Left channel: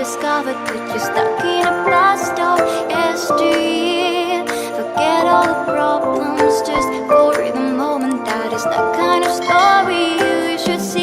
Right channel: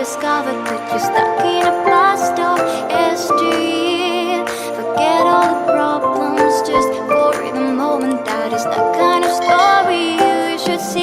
discovered that you're stuck in a past or yesteryear. Forget all the problems just for the moment. That is the kind of story you should see.